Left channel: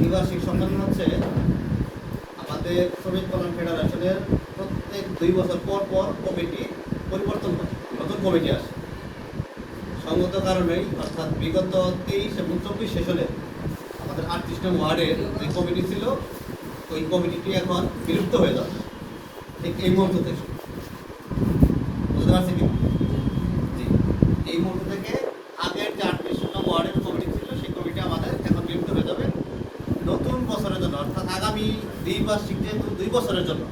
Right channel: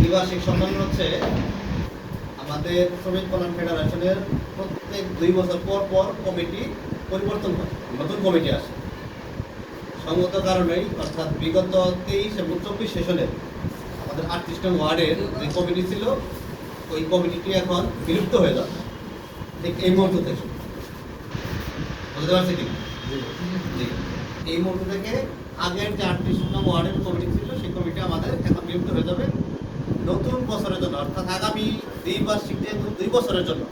দ্বিবার্ষিক সম্মেলন হচ্ছে আমাদের শ্রমিক কল্যাণ ফেডারেশনের প্রত্যেক 2 বছর পর পর কমিটি পরিবর্তন হয়, নতুন কমিটি আসে। সঙ্গত কারণেই অর্থাৎ বিগত 23 এবং 24 সেশনের আমাদের 38 নং ওয়ার্ডের যে কমিটি ছিল ওই কমিটিটি এখন বিলুপ্ত হয়ে যাবে ঠিক এই মুহূর্ত থেকে। বুঝতে পারছি কি? জি, এই মুহূর্ত থেকে আগের যে 38 নং ওয়ার্ডের কমিটি ছিল সেই কমিটি আমাদের এখন বিলুপ্ত হয়ে যাবে। নতুন বছরের জন্য অর্থাৎ আগামী দ্বিবার্ষিক যেহেতু 2 বছরের জন্য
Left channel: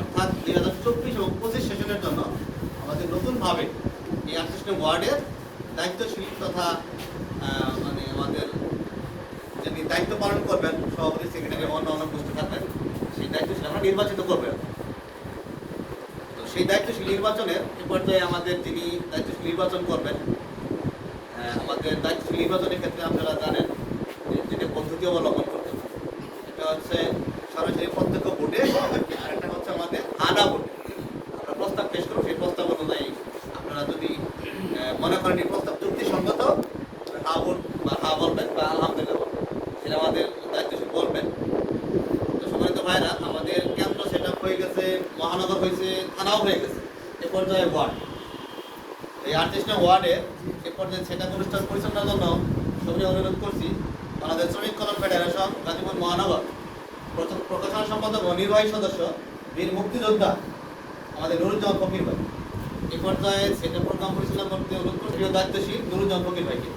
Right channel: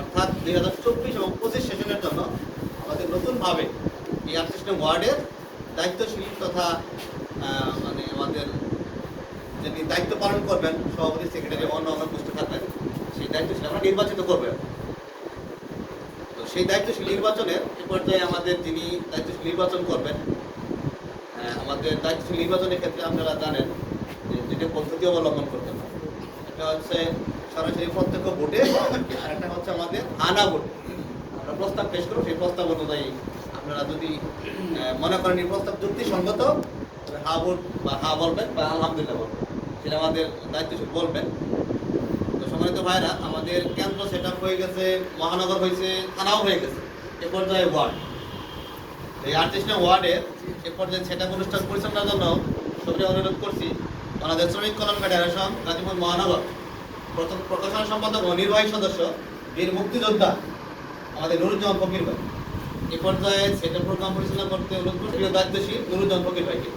অর্থাৎ 2024 এবং 25 সেশনের জন্য আমাদের নতুনভাবে এই 38 নং ওয়ার্ডের দায়িত্বশীল তথা মানে আমাদের যিনি দায়িত্ব পালন করবেন সভাপতি সেক্রেটারি অন্য উপস্থিত থাকবেন সেই দায়িত্বশীল আমরা নির্বাচিত করবেন। তো সেই দায়িত্বশীল নির্বাচনের এ পর্যায়ে আমাদের যিনি দায়িত্বশীল নির্বাচন করবেন আমাদের দায়িত্বশীল নির্বাচনের ক্ষেত্রে আপনারা জানেন যেটা পদ্ধতি অবলম্বন করতে হবে। এটা হচ্ছে সরাসরি প্রত্যক্ষ ভোটে, আর একটা হচ্ছে আমাদের আনা ভোটে। আমরা প্রস্তাব পেশ করব, সেই প্রস্তাব অনুযায়ী আপনারা যদি মনে করেন এই প্রস্তাব যুক্তিসঙ্গত হা ভোট বা হা বলবেন বা আলহামদুলিল্লাহ বলবেন, সেটা আমাদের দায়িত্বশীল বলবেন। তো সম্মানিত ভাইরা, আমাদের কেন্দ্র সেট আপ হয়ে গেছে, মহানগর হয়েছে, থানাও হয়ে গেছে, এ পর্যায়ে ওয়ার্ড। এই 38 নং ওয়ার্ডের এ পর্যায়ে সেট আপ অনুষ্ঠান পরিচালনার জন্য সবাই অনুরোধ করছি বাংলাদেশ শ্রমিক কল্যাণ ফেডারেশন গাজীপুর মহানগর প্রথম প্রকাশনা সম্পাদক ও নির্বাহী সদস্য বীর মুক্তিযোদ্ধা আমাদের নুরুজ্জামান ফকির ভাই। এ পর্যায়ে সেটা প্রোগ্রাম পরিচালনা করতে অনুরোধ করছি দায়িত্বশীল নুরুজ্জামান ফকির ভাইকে।